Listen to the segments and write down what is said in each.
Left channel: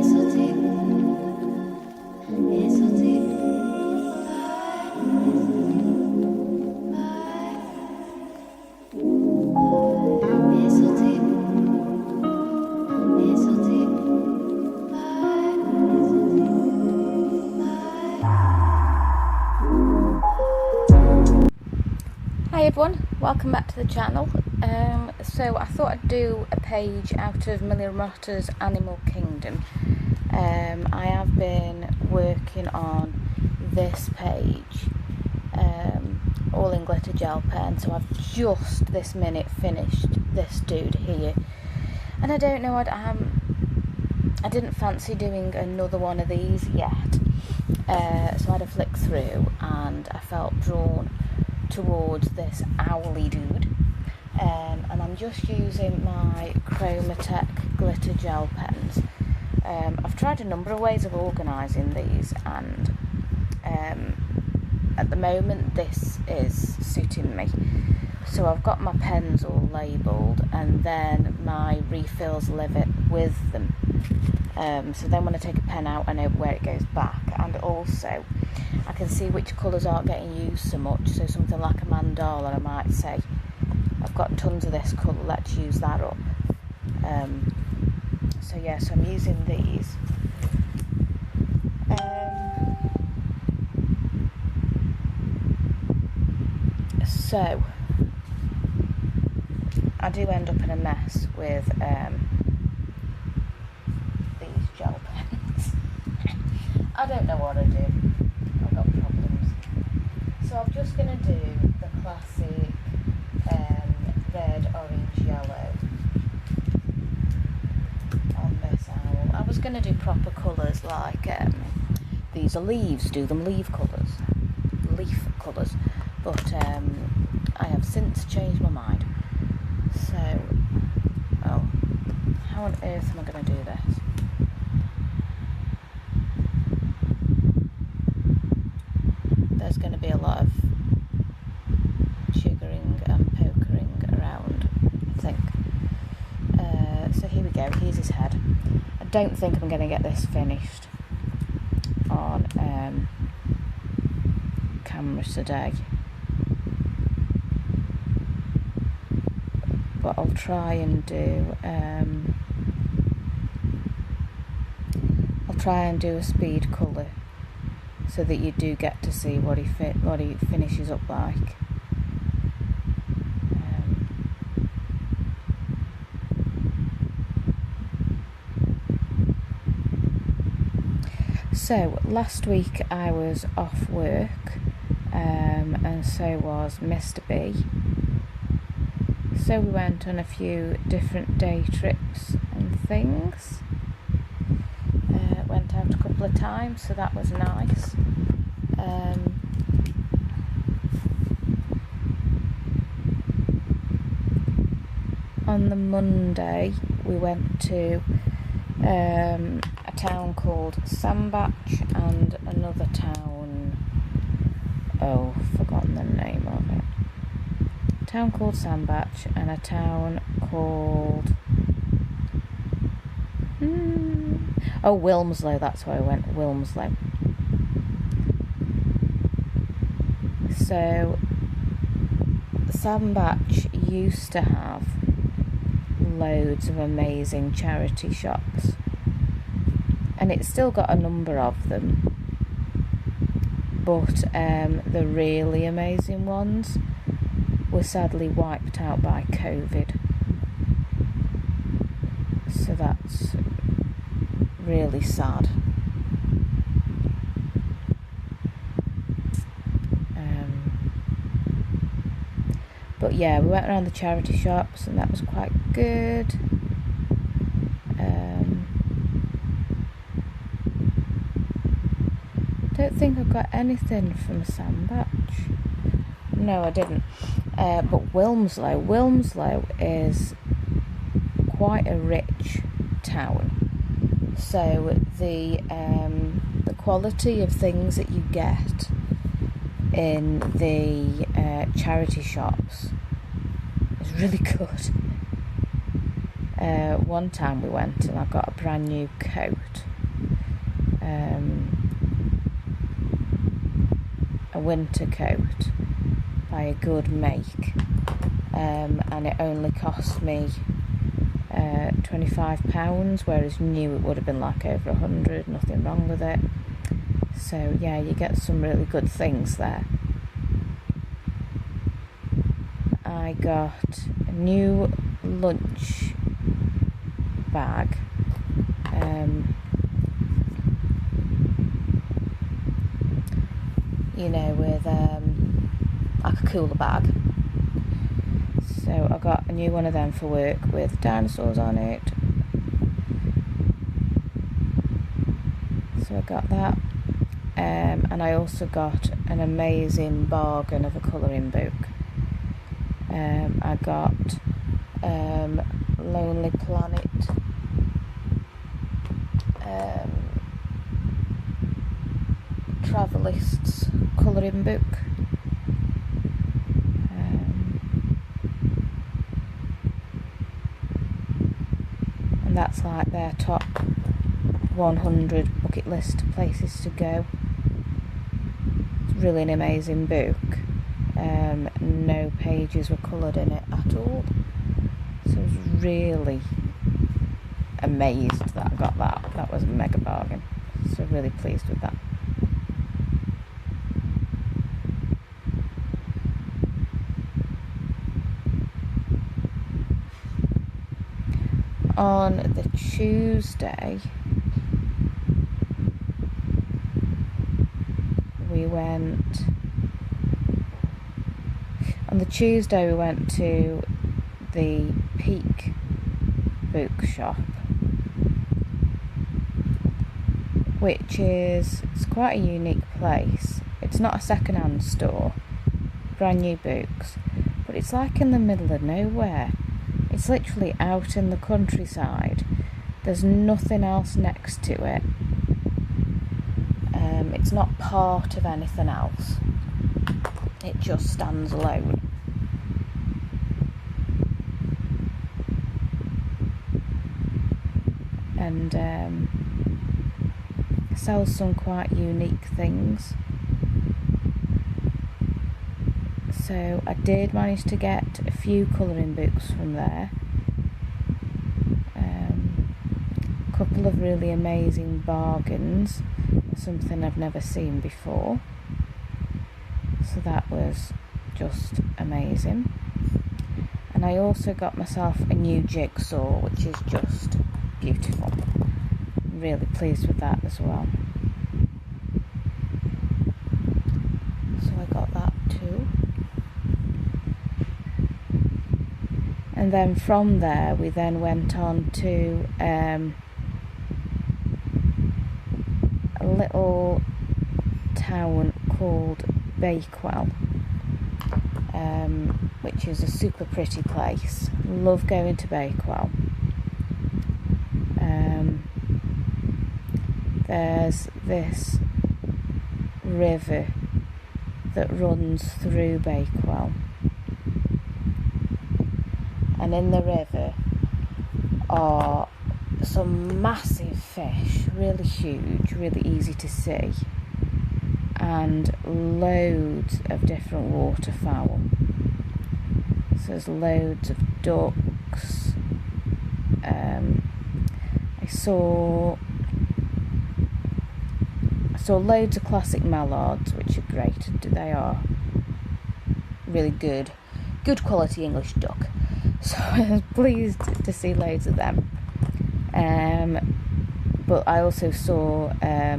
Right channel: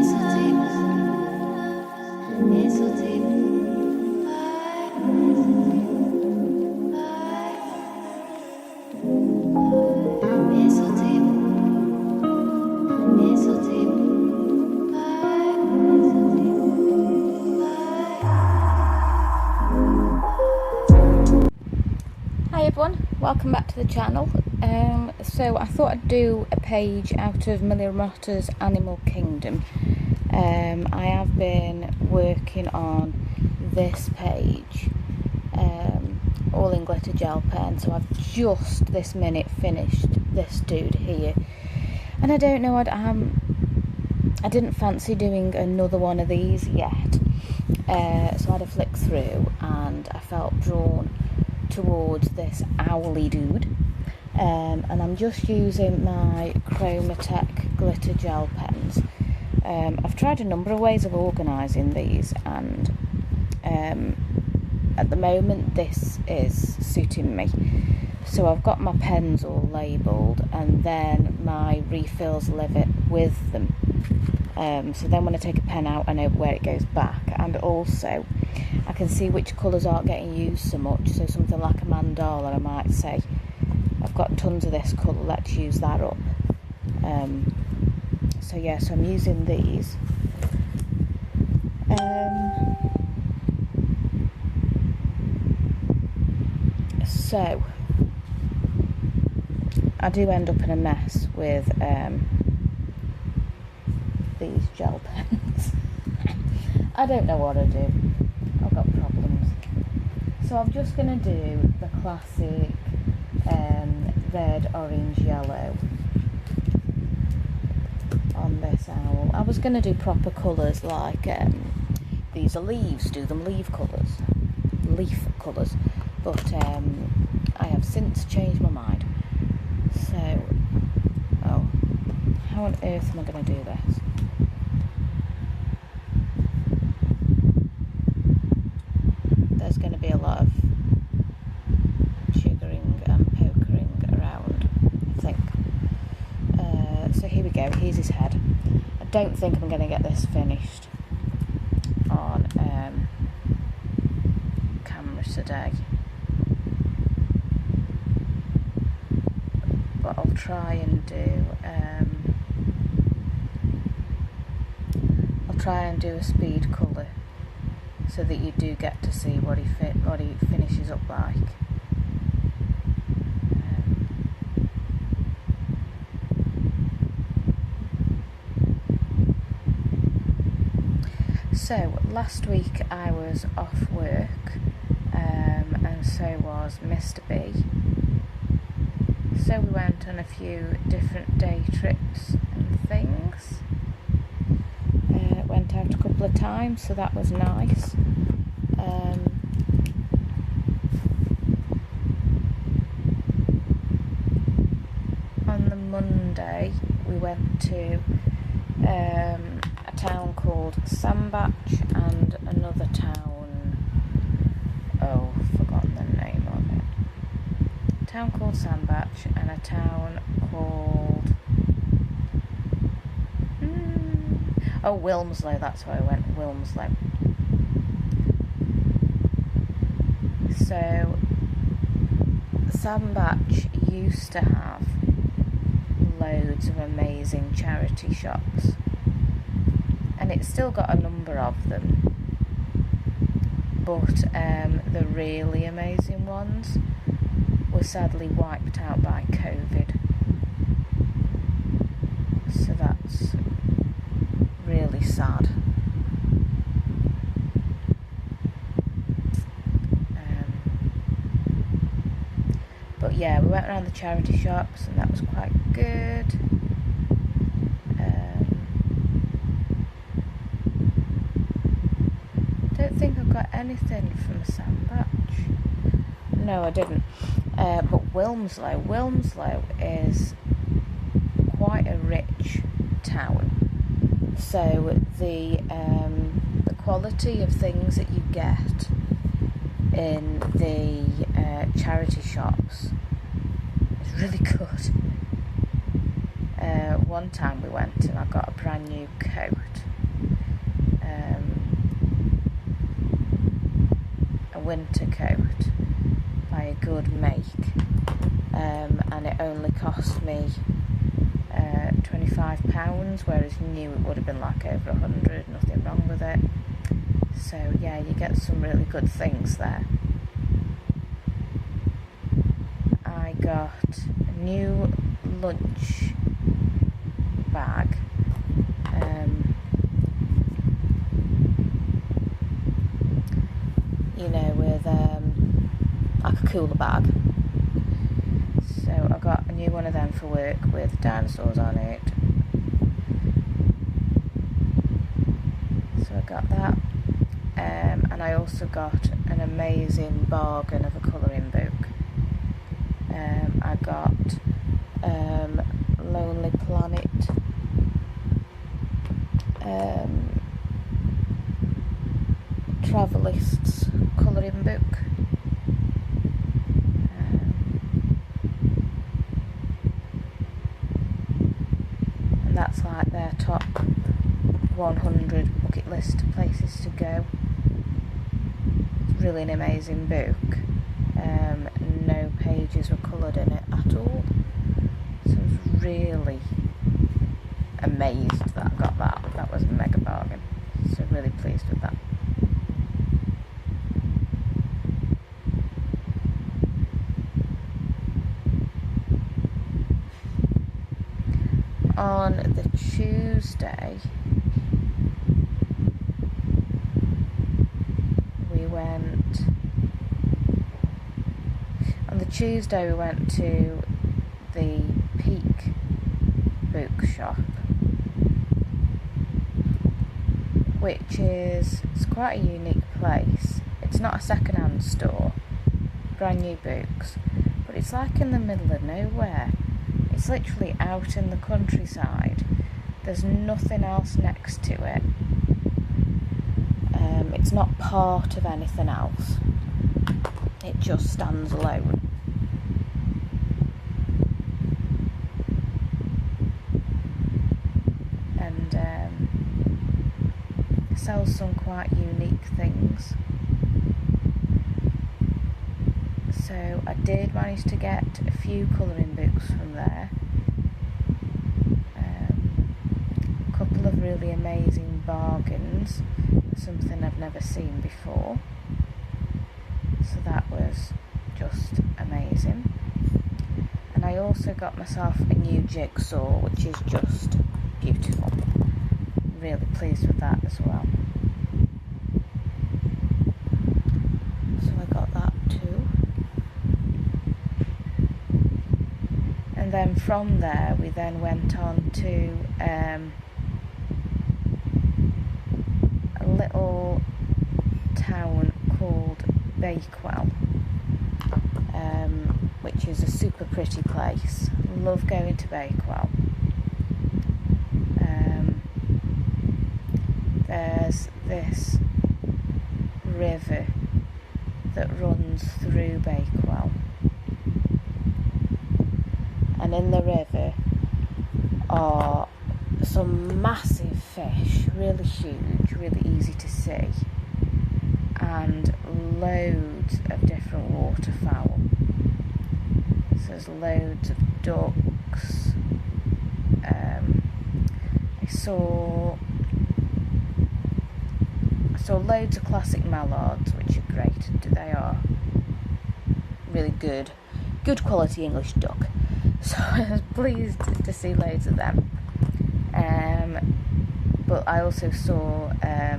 Hi everyone, welcome back to the channel. So I thought I'd do a page out of Millie Marotta's Animal Kingdom. I have been working on this page, all in glitter gel pen, so I've just this minute finished this dude here. And I don't know, I didn't fancy doing another one of these yet, so I had a flick through and I felt drawn towards this owly dude, and I'm just using my Chromatech glitter gel pens. I've tried a number of ways of organising these, and at the moment this is suiting me. So I've got my pens all labelled, and then my refills live it with them. So then when I take a pen out, I know where it goes back, and also I can see which colours aren't getting used so much. So something like a mandala, I might say, I've got tons of this colour, let's use that up. So yeah, so I'm using these. So I do end up in a mess with these gel pens. I don't know what I do. I've got problems. So I'm just going to do the classic red, orange, yellow on this owl. I was going to do proper colours like these are leaves, do them leaf colours, but I have since changed my mind. So, how on earth am I going to do this? There's going to be a lot of jiggering and pokering around, I think. So here we go, here's his head. I don't think I'm going to get this finished on camera today, but I'll try and do a speed colour, so that you do get to see what he finishes up like. So last week I was off work, and so was Mr. B. So we went on a few different day trips and things. Went out a couple of times, so that was nice. On the Monday we went to a town called Sandbach and another town, forgotten the name of it. A town called Sandbach and a town called Wilmslow, that's where I went, Wilmslow. So Sandbach used to have loads of amazing charity shops, and it's still got a number of them, but the really amazing ones were sadly wiped out by COVID, so that's really sad. But yeah, we went around the charity shops and that was quite good. Don't think I got anything from Sandbach. No, I didn't. But Wilmslow is quite a rich town. So the quality of things that you get in the charity shops is really good. One time we went and I got a brand new coat a winter coat by a good make, and it only cost me £25, whereas new it would have been like over 100. Nothing wrong with it. So yeah, you get some really good things there. I got a new lunch bag, with like a cooler bag. So I got a new one of them for work with dinosaurs on it. So I got that. And I also got an amazing bargain of a colouring book. I got Lonely Planet Travelists colouring book. And that's like their top 100 bucket list places to go. It's really an amazing book. No pages were coloured in it at all. So I was really amazed that I got that. That was a mega bargain. So really pleased with that. On the Tuesday, we went to the Peak bookshop, which it's quite a unique place. It's not a second-hand store, brand new books, but it's like in the middle of nowhere. It's literally out in the countryside. There's nothing else next to it. It's not part of anything else. It just stands alone. And sells some quite unique things. So I did manage to get a few colouring books from there. A couple of really amazing bargains, something I've never seen before. So that was just amazing. And I also got myself a new jigsaw, which is just beautiful. I'm really pleased with that as well. So I got that too. And then from there we then went on to a little town called Bakewell, which is a super pretty place. Love going to Bakewell. There's this river that runs through Bakewell, and in the river are some massive fish, really huge, really easy to see, and loads of different waterfowl. So there's loads of ducks. I saw loads of classic mallards, which are great. They are really good quality English duck. So I was pleased to see loads of them. But I also saw a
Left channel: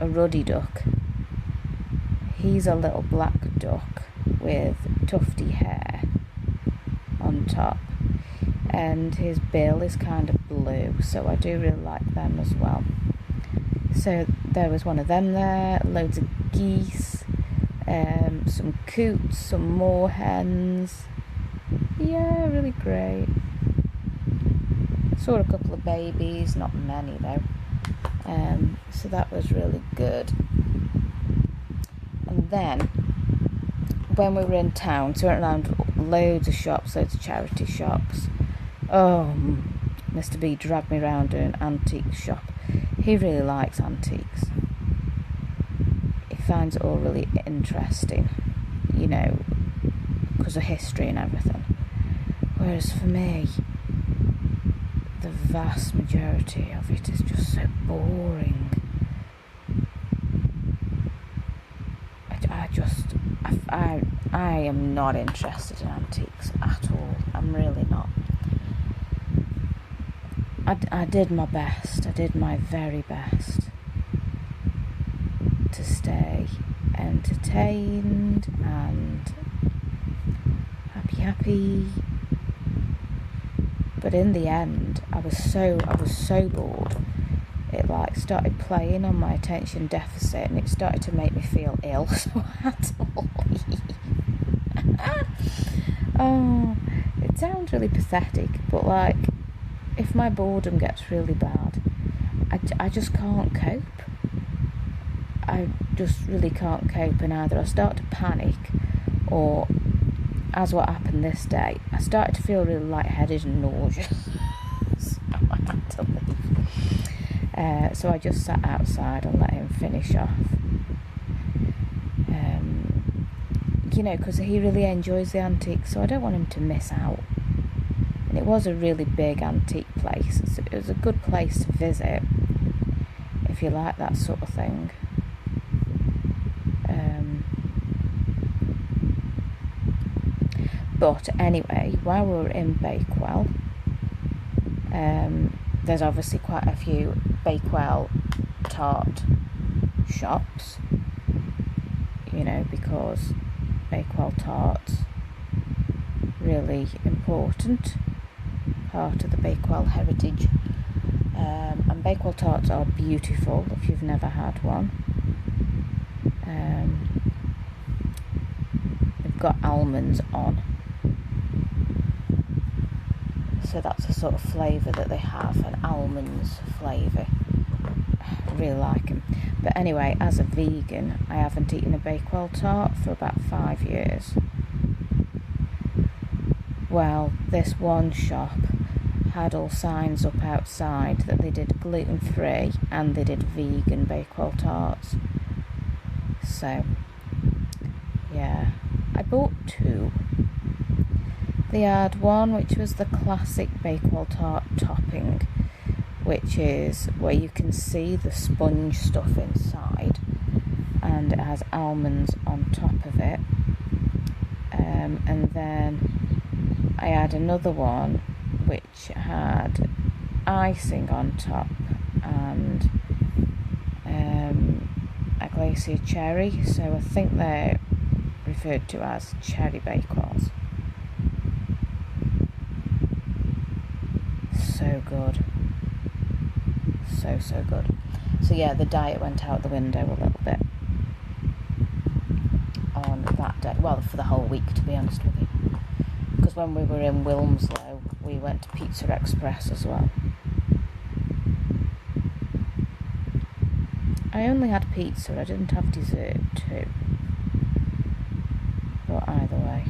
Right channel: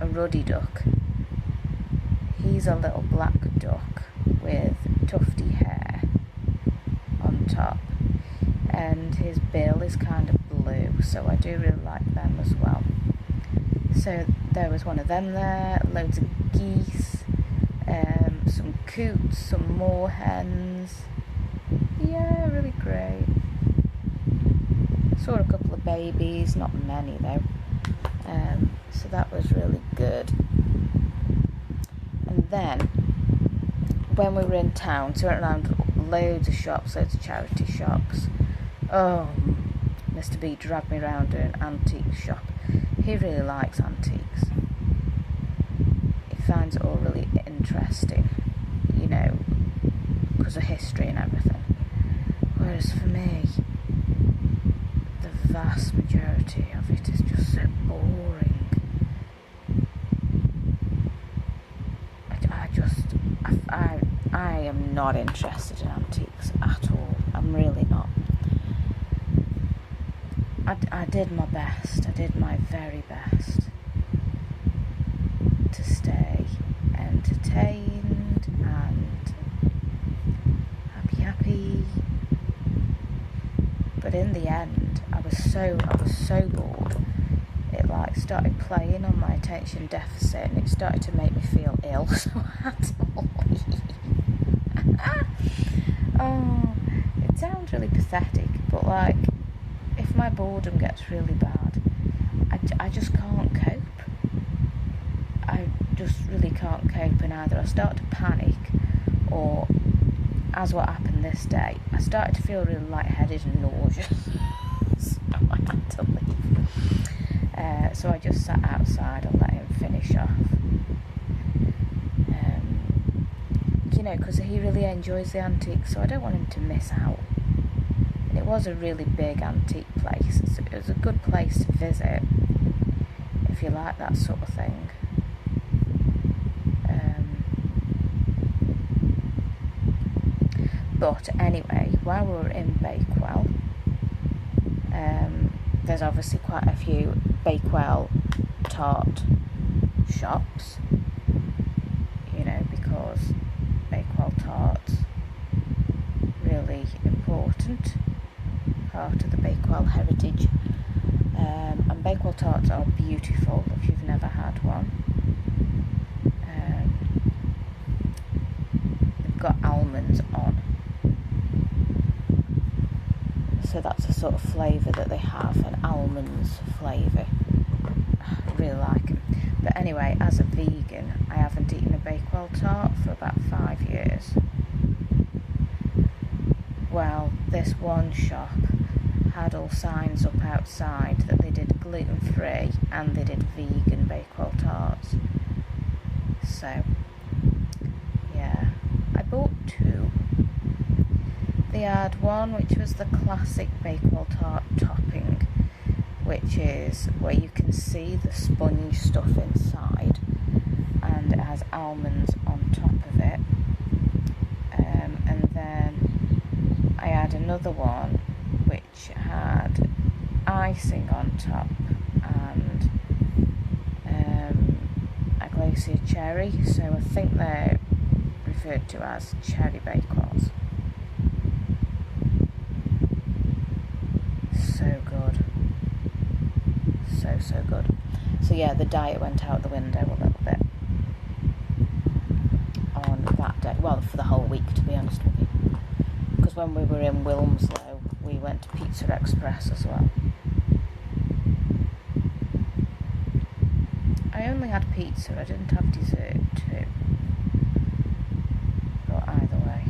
ruddy duck. He's a little black duck with tufty hair on top, and his bill is kind of blue, so I do really like them as well. So there was one of them there, loads of geese, some coots, some moorhens. Yeah, really great. Saw a couple of babies, not many though. So that was really good. And then when we were in town, so we went around loads of shops, loads of charity shops. Oh, Mr. B dragged me around to an antique shop. He really likes antiques. He finds it all really interesting, you know, because of history and everything. Whereas for me, the vast majority of it is just so boring. I am not interested in antiques at all. I'm really not. I did my best. I did my very best to stay entertained and happy. But in the end, I was so bored. It like started playing on my attention deficit, and it started to make me feel ill. So I had to leave. Oh, it sounds really pathetic, but like, if my boredom gets really bad, I just can't cope. I just really can't cope, and either I start to panic, or, as what happened this day, I started to feel really lightheaded and nauseous. So I had to leave. So I just sat outside and let him finish off. You know, because he really enjoys the antiques, so I don't want him to miss out. And it was a really big antique place. It was a good place to visit if you like that sort of thing. But anyway, while we were in Bakewell, there's obviously quite a few Bakewell tart shops, you know, because Bakewell tarts, really important part of the Bakewell heritage. And Bakewell tarts are beautiful if you've never had one. They've got almonds on, so that's the sort of flavour that they have, an almonds flavour. I really like them. But anyway, as a vegan, I haven't eaten a Bakewell tart for about 5 years. Well, this one shop had all signs up outside that they did gluten-free and they did vegan Bakewell tarts. So, yeah, I bought 2. They had one which was the classic Bakewell tart topping, which is where you can see the sponge stuff inside, and it has almonds on top of it. And then I had another one which had icing on top and a glacier cherry, so I think they're referred to as cherry Bakewells. So good. So good. So yeah, the diet went out the window a little bit on that day. Well, for the whole week, to be honest with you. Because when we were in Wilmslow, we went to Pizza Express as well. I only had pizza, I didn't have dessert too. But either way.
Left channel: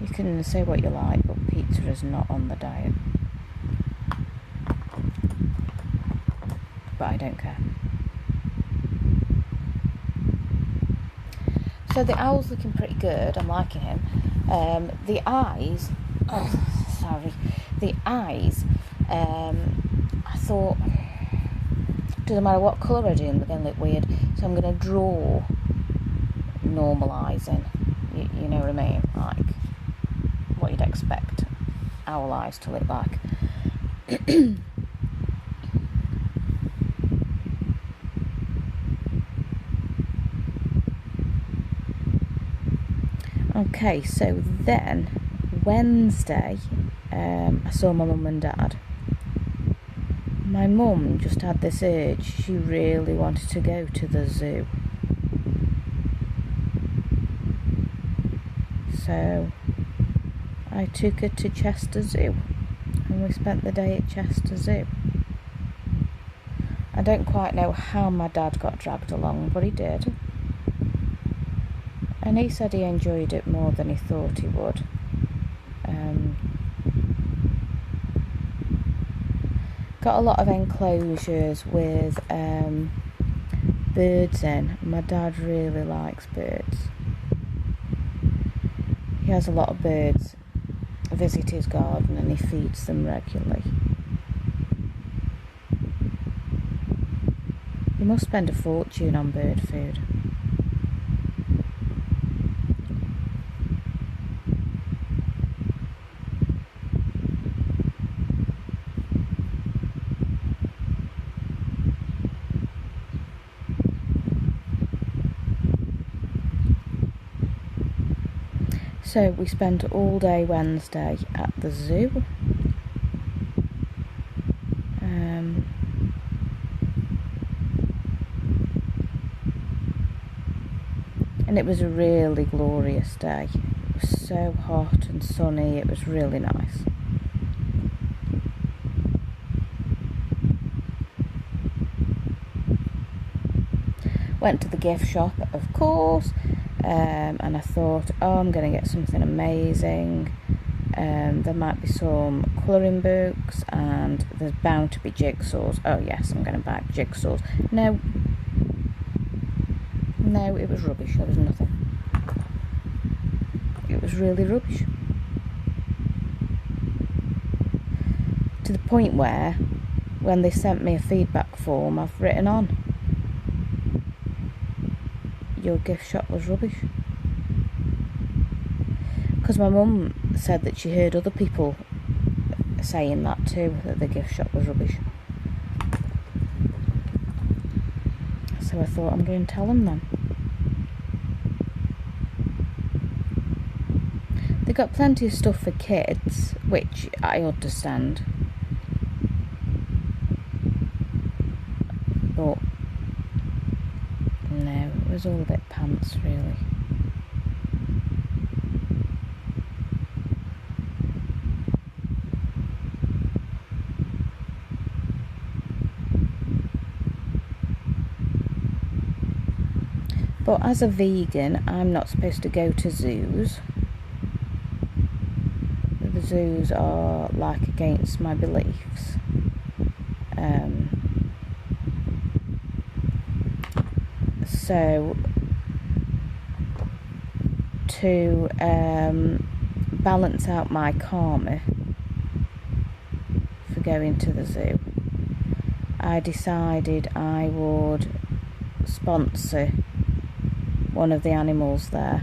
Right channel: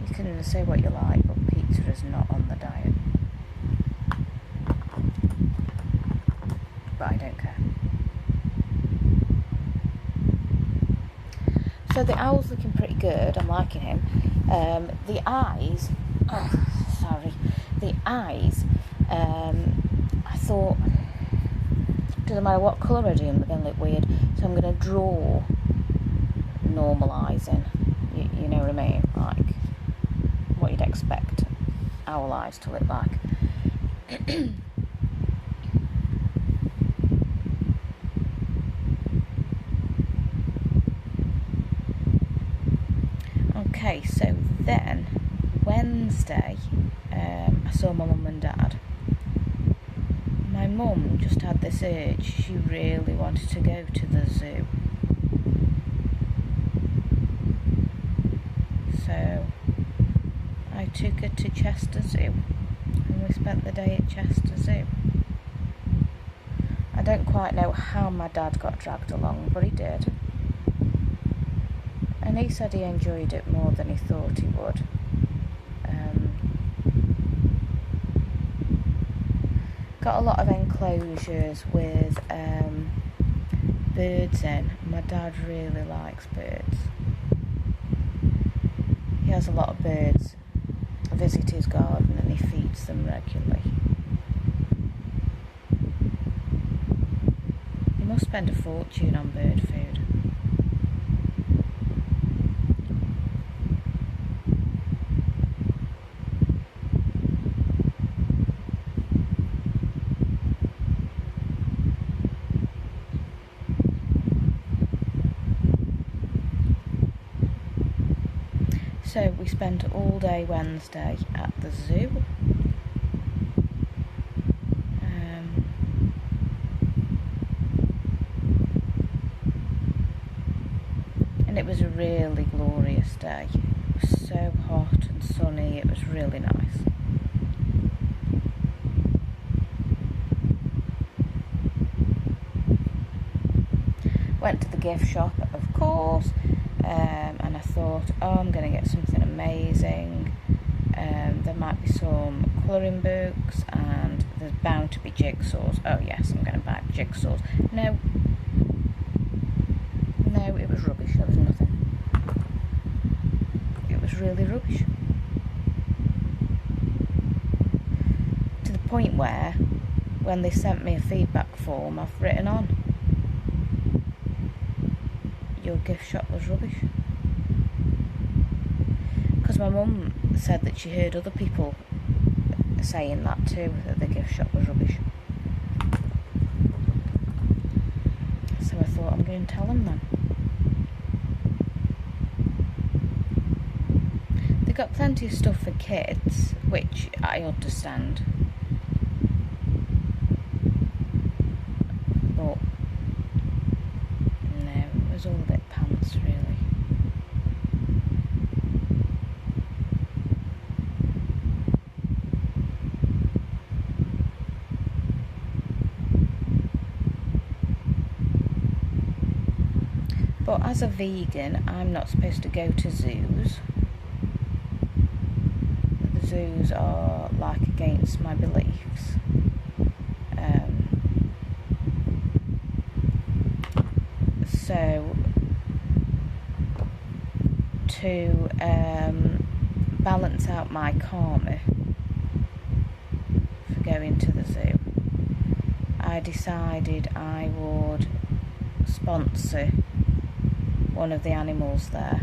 You can say what you like, but pizza is not on the diet. But I don't care. So the owl's looking pretty good. I'm liking him. The eyes. The eyes. I thought, doesn't matter what colour I do, they're going to look weird. So I'm going to draw normalising. You know what I mean? Like what you'd expect owl eyes to look like. Okay, so then Wednesday, I saw my mum and dad. My mum just had this urge. She really wanted to go to the zoo. So I took her to Chester Zoo, and we spent the day at Chester Zoo. I don't quite know how my dad got dragged along, but he did. And he said he enjoyed it more than he thought he would. got a lot of enclosures with birds in. My dad really likes birds. He has a lot of birds visit his garden and he feeds them regularly. You must spend a fortune on bird food. So we spent all day Wednesday at the zoo. And it was a really glorious day. It was so hot and sunny, it was really nice. Went to the gift shop, of course, and I thought, oh, I'm going to get something amazing. There might be some colouring books, and there's bound to be jigsaws. Oh yes, I'm going to buy jigsaws. No, it was rubbish. There was nothing. It was really rubbish. To the point where, when they sent me a feedback form, I've written on, your gift shop was rubbish. Because my mum said that she heard other people saying that too, that the gift shop was rubbish. So I thought, I'm going to tell them then. They got plenty of stuff for kids, which I understand. But no, it was all a bit pants, really. But as a vegan, I'm not supposed to go to zoos. The zoos are like against my beliefs. So to balance out my karma for going to the zoo, I decided I would sponsor one of the animals there.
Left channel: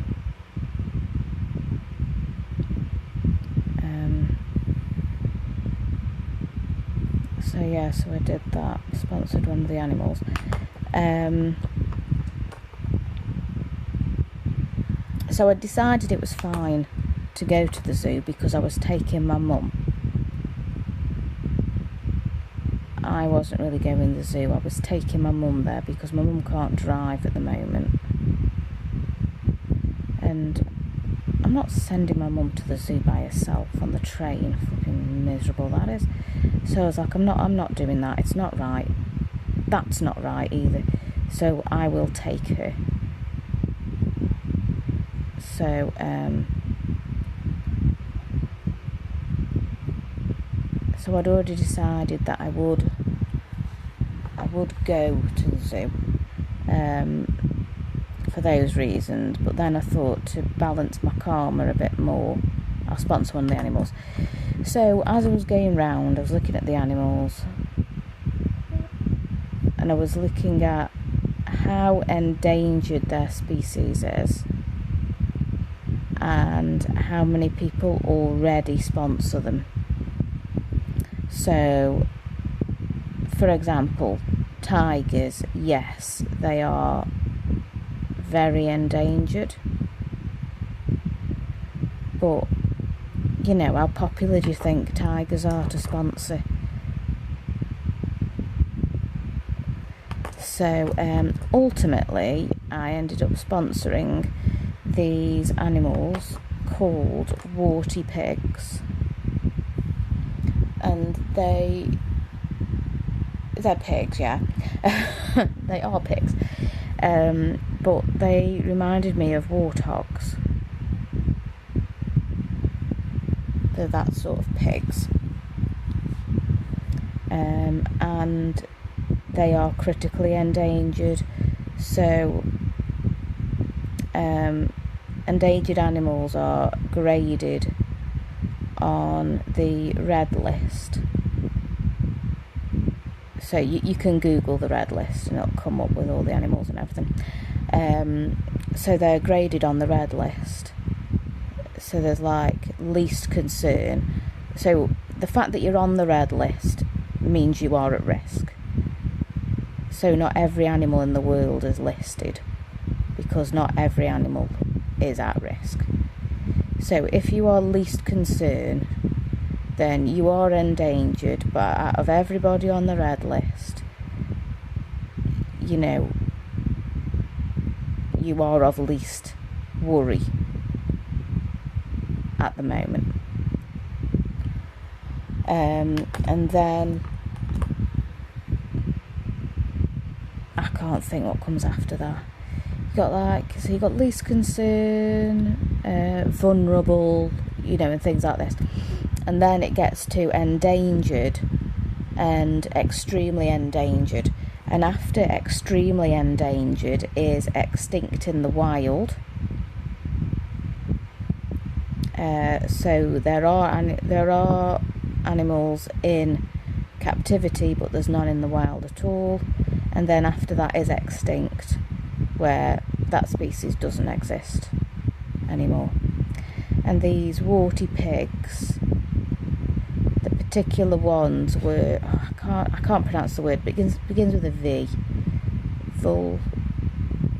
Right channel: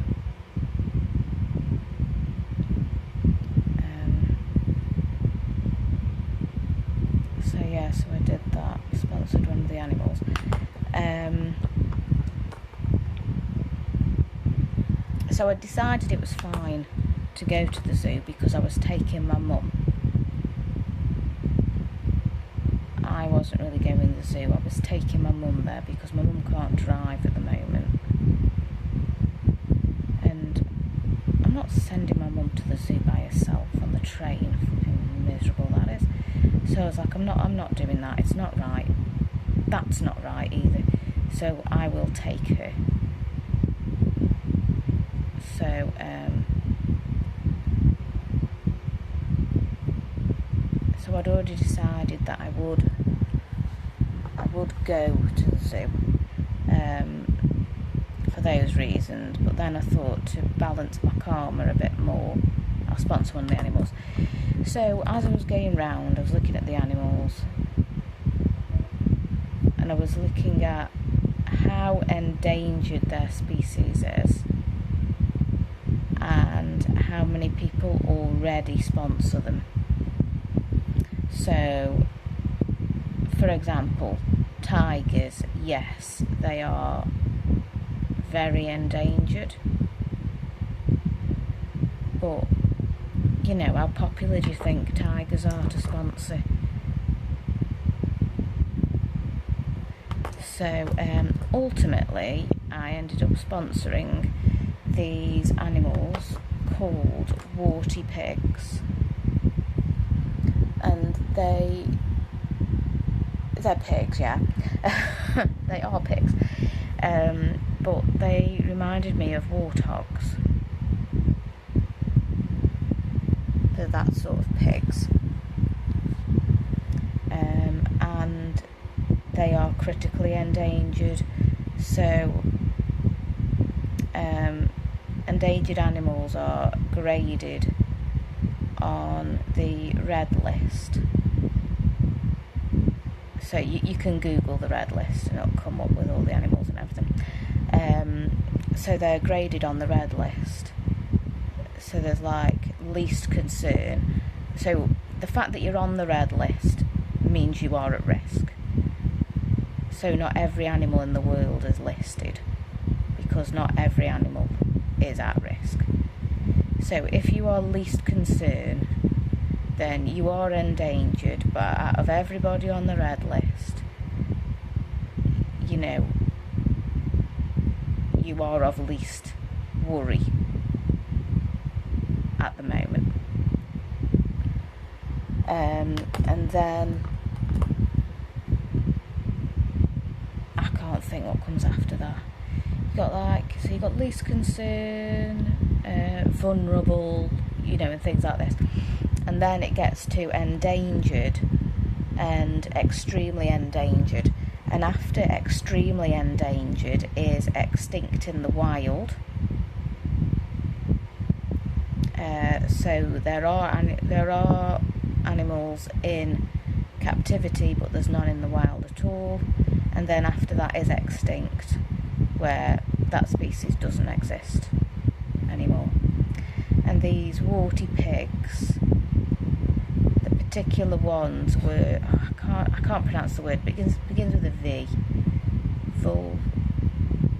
So I did that, sponsored one of the animals. So I decided it was fine to go to the zoo because I was taking my mum. I wasn't really going to the zoo, I was taking my mum there because my mum can't drive at the moment. And I'm not sending my mum to the zoo by herself on the train. Fucking miserable that is. So I was like, I'm not doing that. It's not right. That's not right either. So I will take her. So so I'd already decided that I would go to the zoo. For those reasons, but then I thought to balance my karma a bit more, I'll sponsor one of the animals. So as I was going round, I was looking at the animals and I was looking at how endangered their species is and how many people already sponsor them. So, for example, tigers, yes, they are very endangered, but you know, how popular do you think tigers are to sponsor? So ultimately I ended up sponsoring these animals called warty pigs, and they're pigs, yeah. They are pigs. But they reminded me of warthogs. They're that sort of pigs. and they are critically endangered. So endangered animals are graded on the red list. So you can Google the red list and it'll come up with all the animals and everything. So they're graded on the red list. So there's like least concern. So the fact that you're on the red list means you are at risk. So not every animal in the world is listed, because not every animal is at risk. So if you are least concern, then you are endangered, but out of everybody on the red list, you know, you are of least worry at the moment. And then I can't think what comes after that. You got least concern, vulnerable, you know, and things like this. And then it gets to endangered and extremely endangered. And after extremely endangered is extinct in the wild. So there are animals in captivity, but there's none in the wild at all. And then after that is extinct, where that species doesn't exist anymore. And these warty pigs, the particular ones were, I can't pronounce the word, but it begins with a V.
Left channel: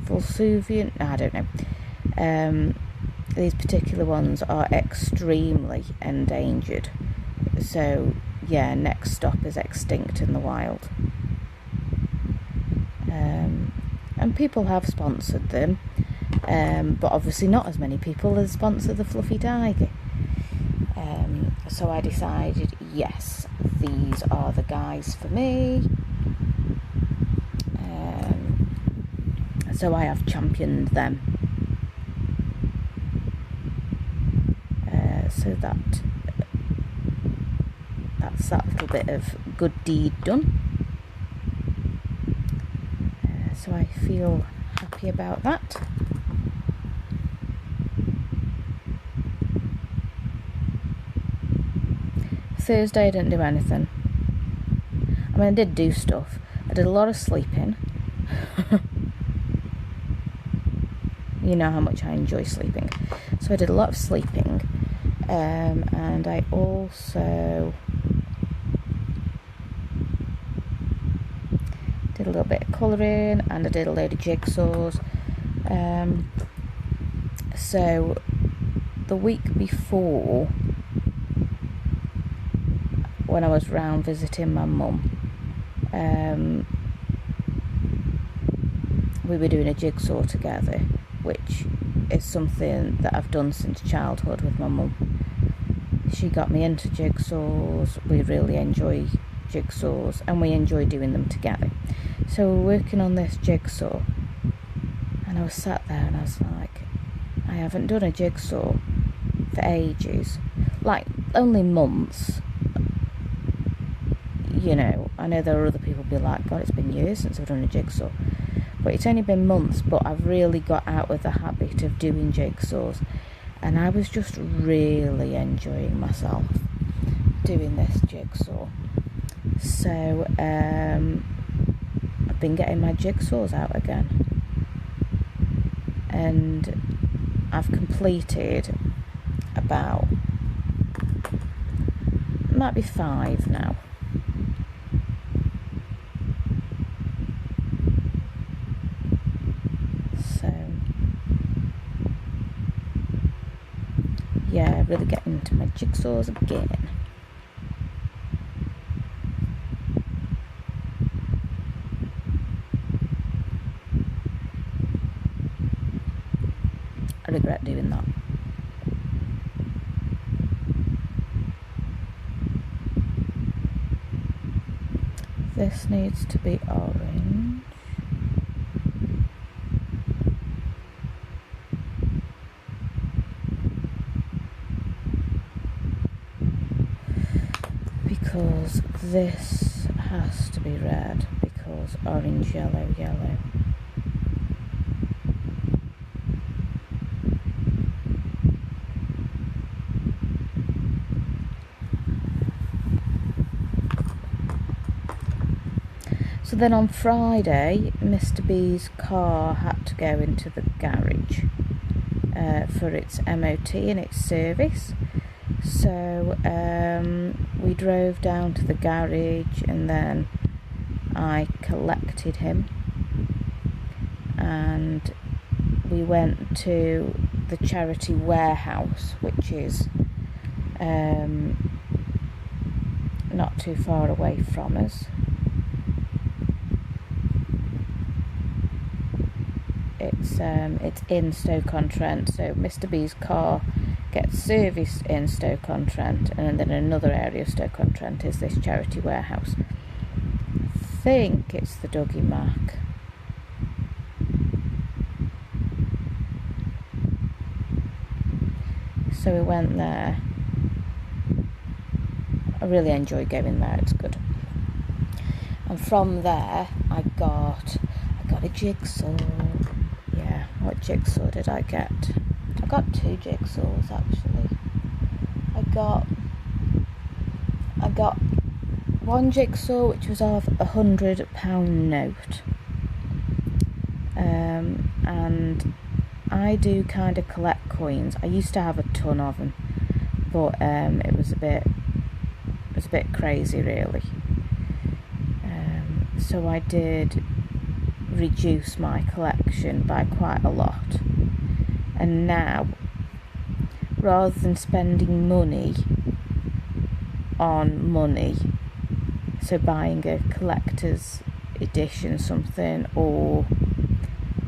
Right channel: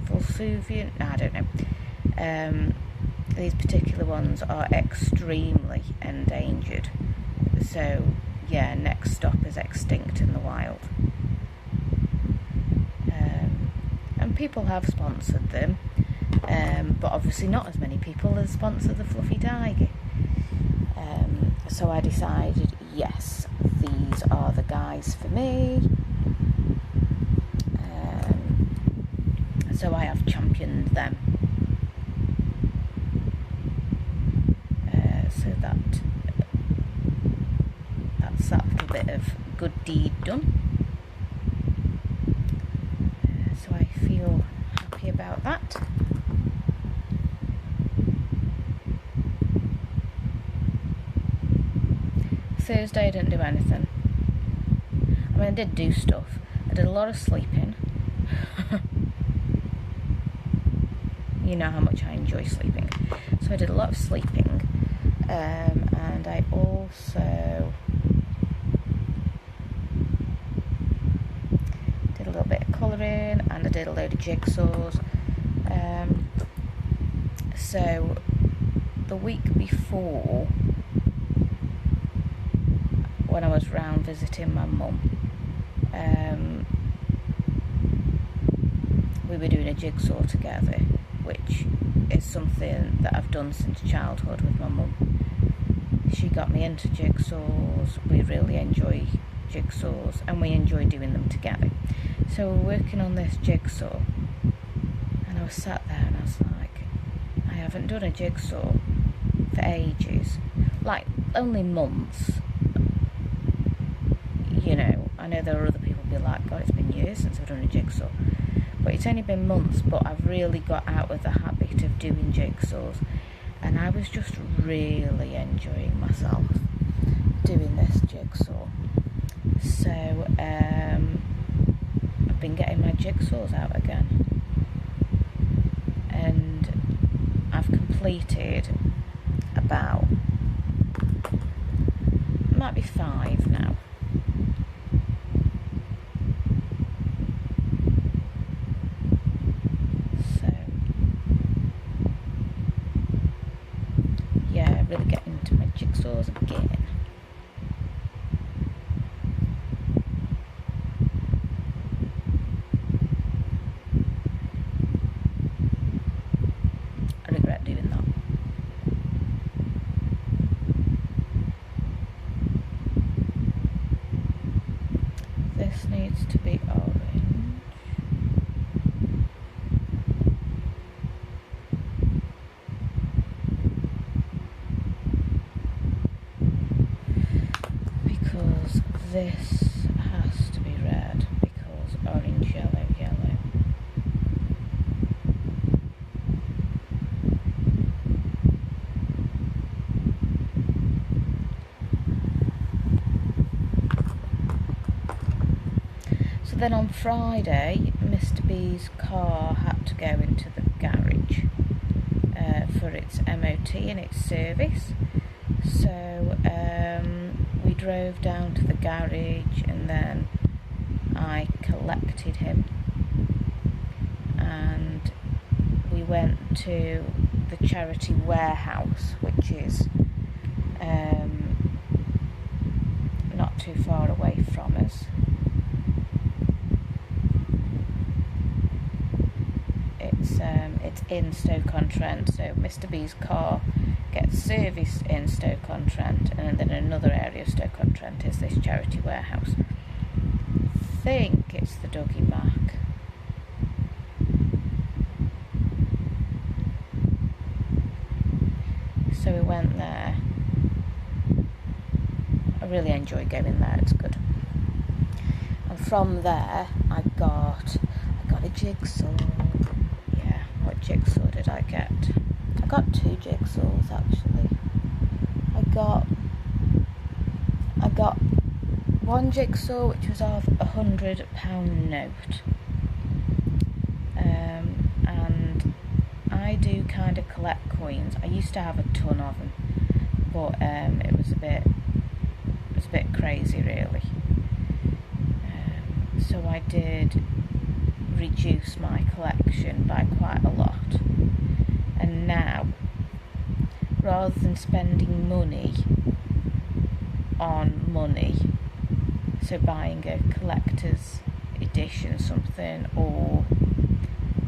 Volsuvian? No, I don't know. These particular ones are extremely endangered. So yeah, next stop is extinct in the wild. And people have sponsored them, but obviously not as many people as sponsor the fluffy tiger. So I decided, yes, these are the guys for me. So I have championed them. So that's that little bit of good deed done. So I feel happy about that. Thursday I didn't do anything. I mean, I did do stuff. I did a lot of sleeping. You know how much I enjoy sleeping. So I did a lot of sleeping. And I also did a little bit of colouring, and I did a load of jigsaws. So the week before, when I was round visiting my mum, we were doing a jigsaw together, which is something that I've done since childhood with my mum. She got me into jigsaws. We really enjoy jigsaws, and we enjoy doing them together. So we're working on this jigsaw, and I was sat there and I was like, I haven't done a jigsaw for ages, like only months. You know, I know there are other people who be like, God, it's been years since I've done a jigsaw. But it's only been months, but I've really got out of the habit of doing jigsaws. And I was just really enjoying myself doing this jigsaw. So, I've been getting my jigsaws out again. And I've completed about, might be 5 now. Yeah, really getting into my jigsaws again. I regret doing that. This needs to be orange. Because this has to be red because orange, yellow, yellow. So then on Friday, Mr. B's car had to go into the garage for its MOT and its service. So we drove down to the garage and then I collected him and we went to the charity warehouse, which is not too far away from us. It's in Stoke-on-Trent, so Mr. B's car gets serviced in Stoke-on-Trent, and then another area of Stoke-on-Trent is this charity warehouse. I think it's the Dougie Mac. So we went there. I really enjoy going there, it's good. And from there I got a jigsaw. Yeah, what jigsaw did I get? I got 2 jigsaws actually. I got one jigsaw which was of £100 note, and I do kind of collect coins. I used to have a ton of them, but it was a bit crazy really. So I did reduce my collection by quite a lot, and now rather than spending money on money, so buying a collector's edition something or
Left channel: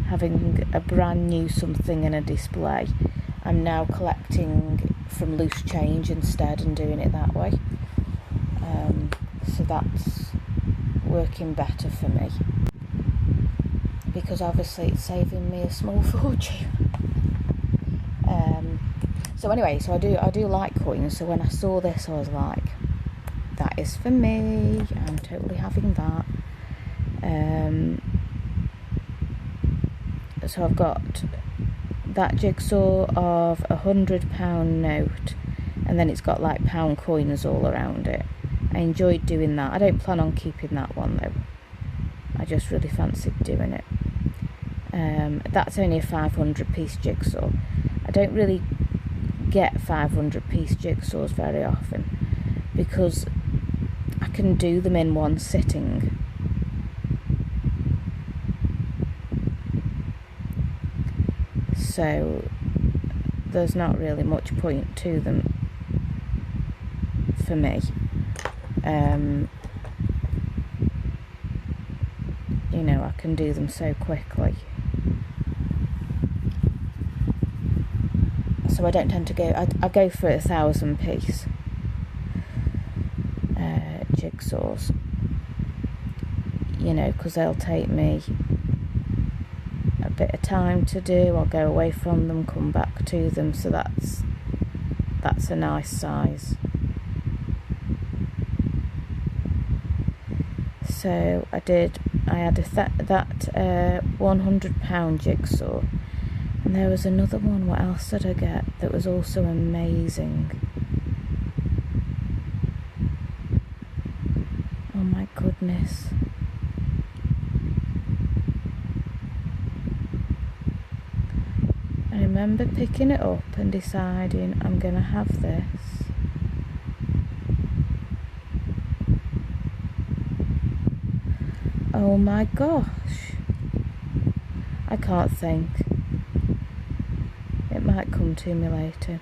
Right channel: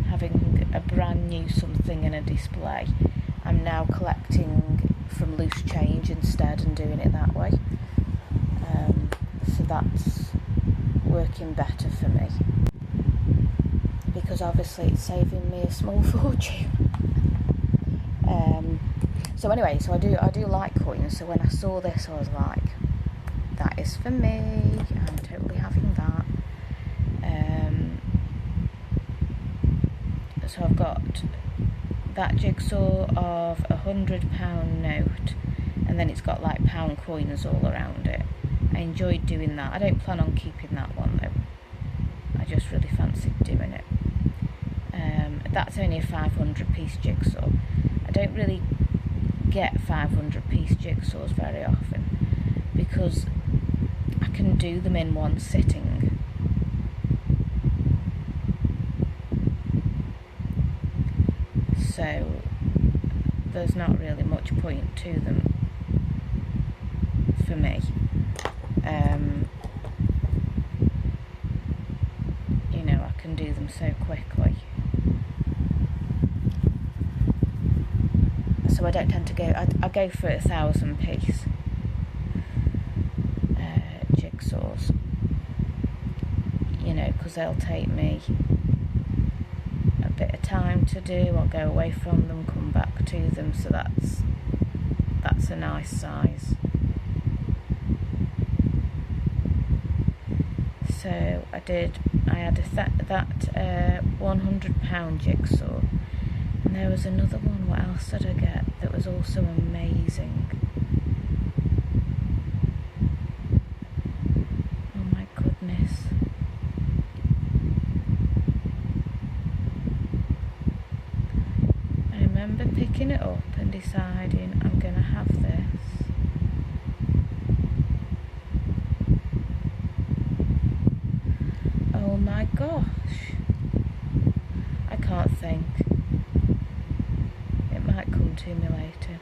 having a brand new something in a display, I'm now collecting from loose change instead and doing it that way. So that's working better for me, because obviously it's saving me a small fortune. So anyway, so I do like coins. So when I saw this, I was like, that is for me. I'm totally having that. So I've got that jigsaw of £100 note, and then it's got like pound coins all around it. I enjoyed doing that. I don't plan on keeping that one though. I just really fancied doing it. That's only a 500-piece jigsaw. I don't really get 500-piece jigsaws very often because I can do them in one sitting. So there's not really much point to them for me. You know, I can do them so quickly. So I don't tend to go, I go for 1,000-piece jigsaws, you know, because they'll take me a bit of time to do. I'll go away from them, come back to them, so that's a nice size. So I had that £100 jigsaw, and there was another one. What else did I get that was also amazing? Oh my goodness. I remember picking it up and deciding I'm gonna have this. Oh my gosh, I can't think. It might come to me later.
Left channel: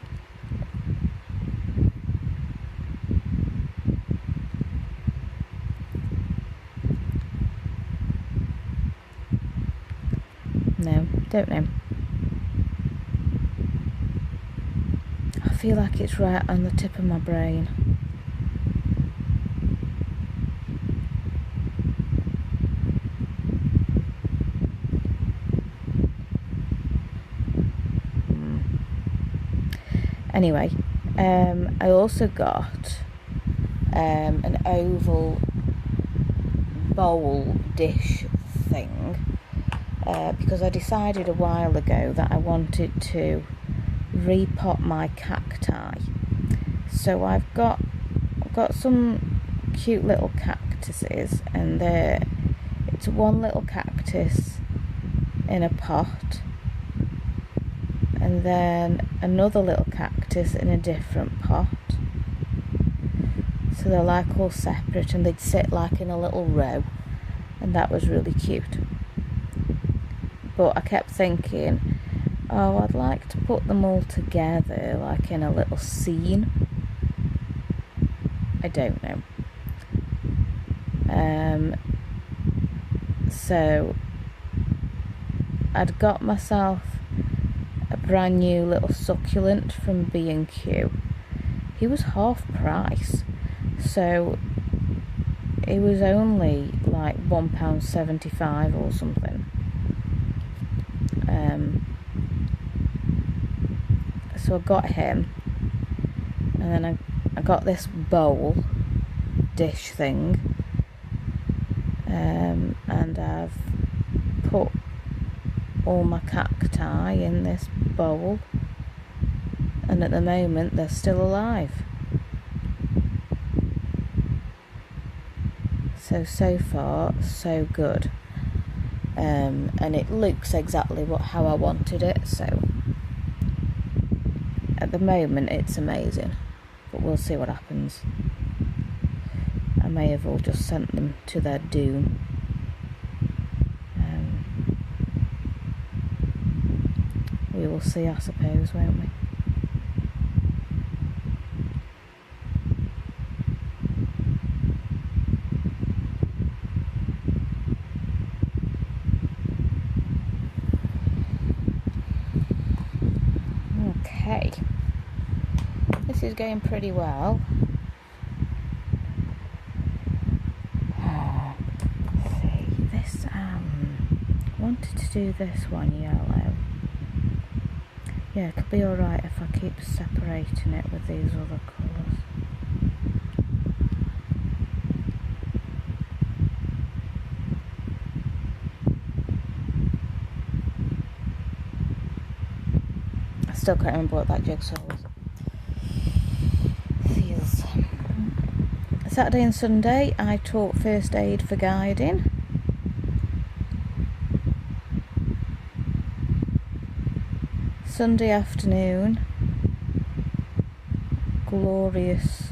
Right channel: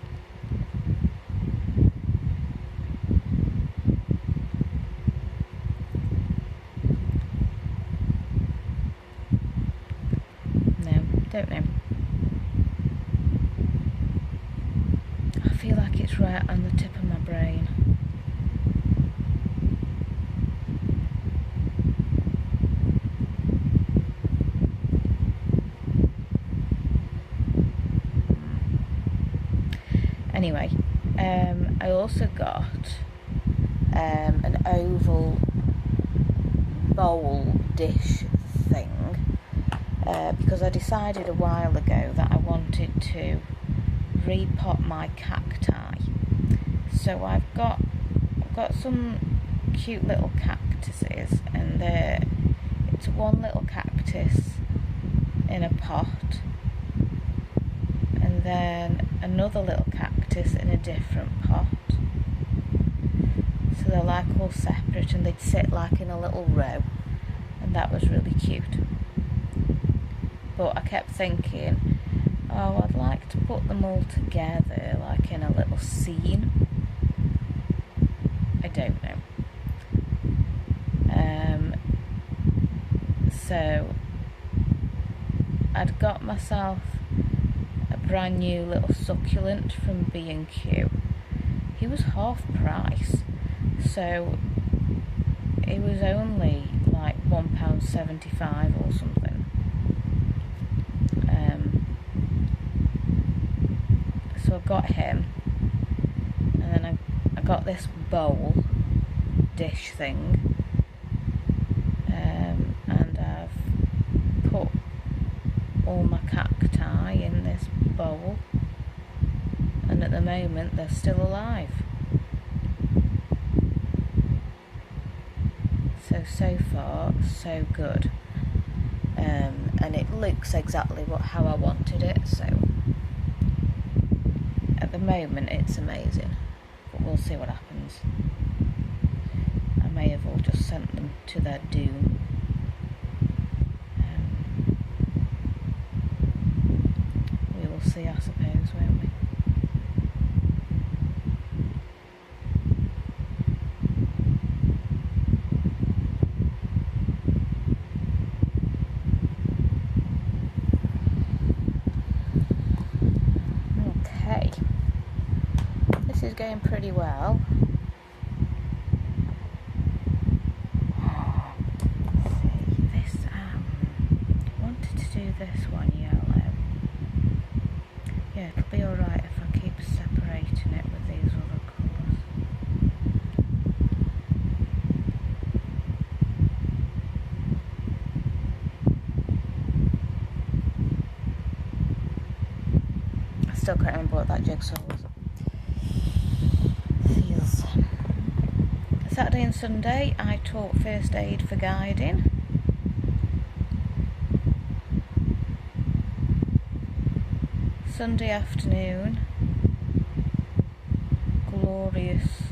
No, don't know. I feel like it's right on the tip of my brain. Anyway, I also got an oval bowl dish thing, because I decided a while ago that I wanted to repot my cacti. So I've got some cute little cactuses, and it's one little cactus in a pot, and then another little cactus in a different pot. So they're like all separate, and they'd sit like in a little row, and that was really cute. But I kept thinking, oh, I'd like to put them all together like in a little scene. I don't know. So I'd got myself a brand new little succulent from B&Q. He was half price, so it was only like £1.75 or something. So I got him, and then I got this bowl dish thing, and I've put all my cacti in this bowl, and at the moment they're still alive. So far so good, and it looks exactly how I wanted it, so at the moment it's amazing, but we'll see what happens. I may have all just sent them to their doom. We will see, I suppose, won't we? Okay, this is going pretty well. Let's see, this, wanted to do this one yellow. Yeah, it'll be alright if I keep separating it with these other colours. I still can't remember what that jigsaw was. Feels. Saturday and Sunday I taught first aid for guiding. Sunday afternoon, glorious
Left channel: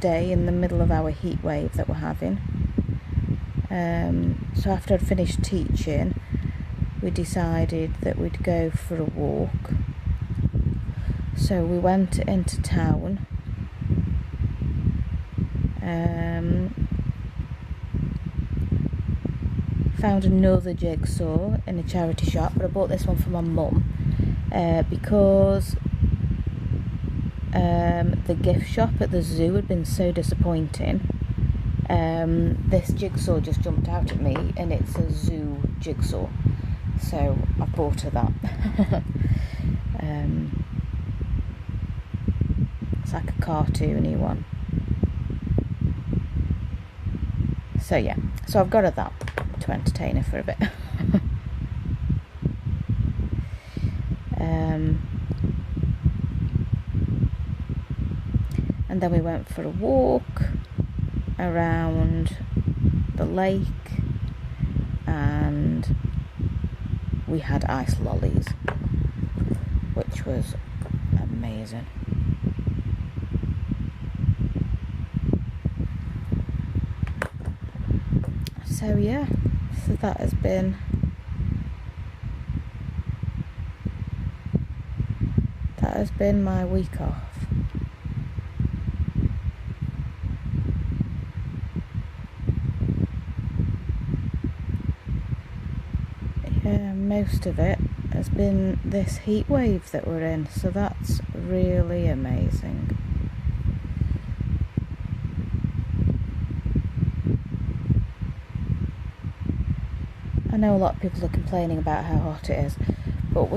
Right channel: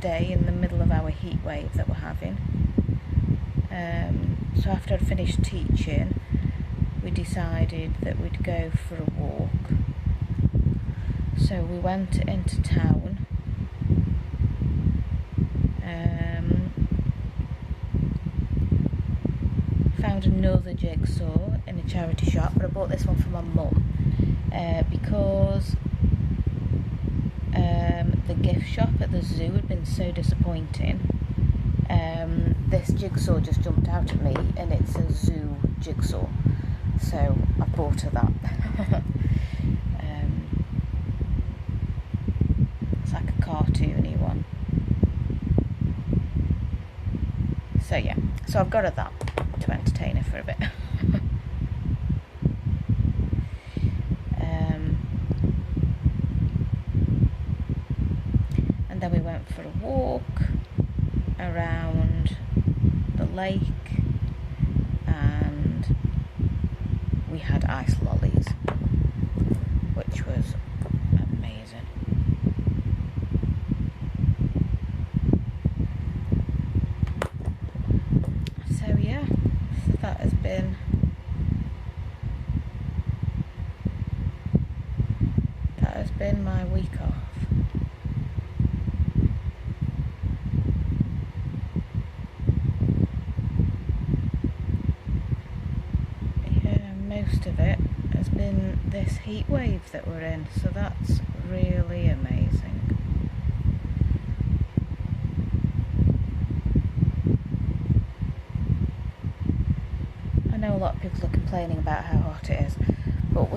day in the middle of our heat wave that we're having. So after I'd finished teaching, we decided that we'd go for a walk. So we went into town. Found another jigsaw in a charity shop, but I bought this one for my mum because the gift shop at the zoo had been so disappointing. This jigsaw just jumped out at me, and it's a zoo jigsaw, so I bought her that. It's like a cartoony one. So yeah, so I've got her that to entertain her for a bit. And then we went for a walk around the lake, and we had ice lollies, which was amazing. So yeah, so that has been my week off. Yeah, most of it has been this heat wave that we're in, so that's really amazing. I know a lot of people are complaining about how hot it is, but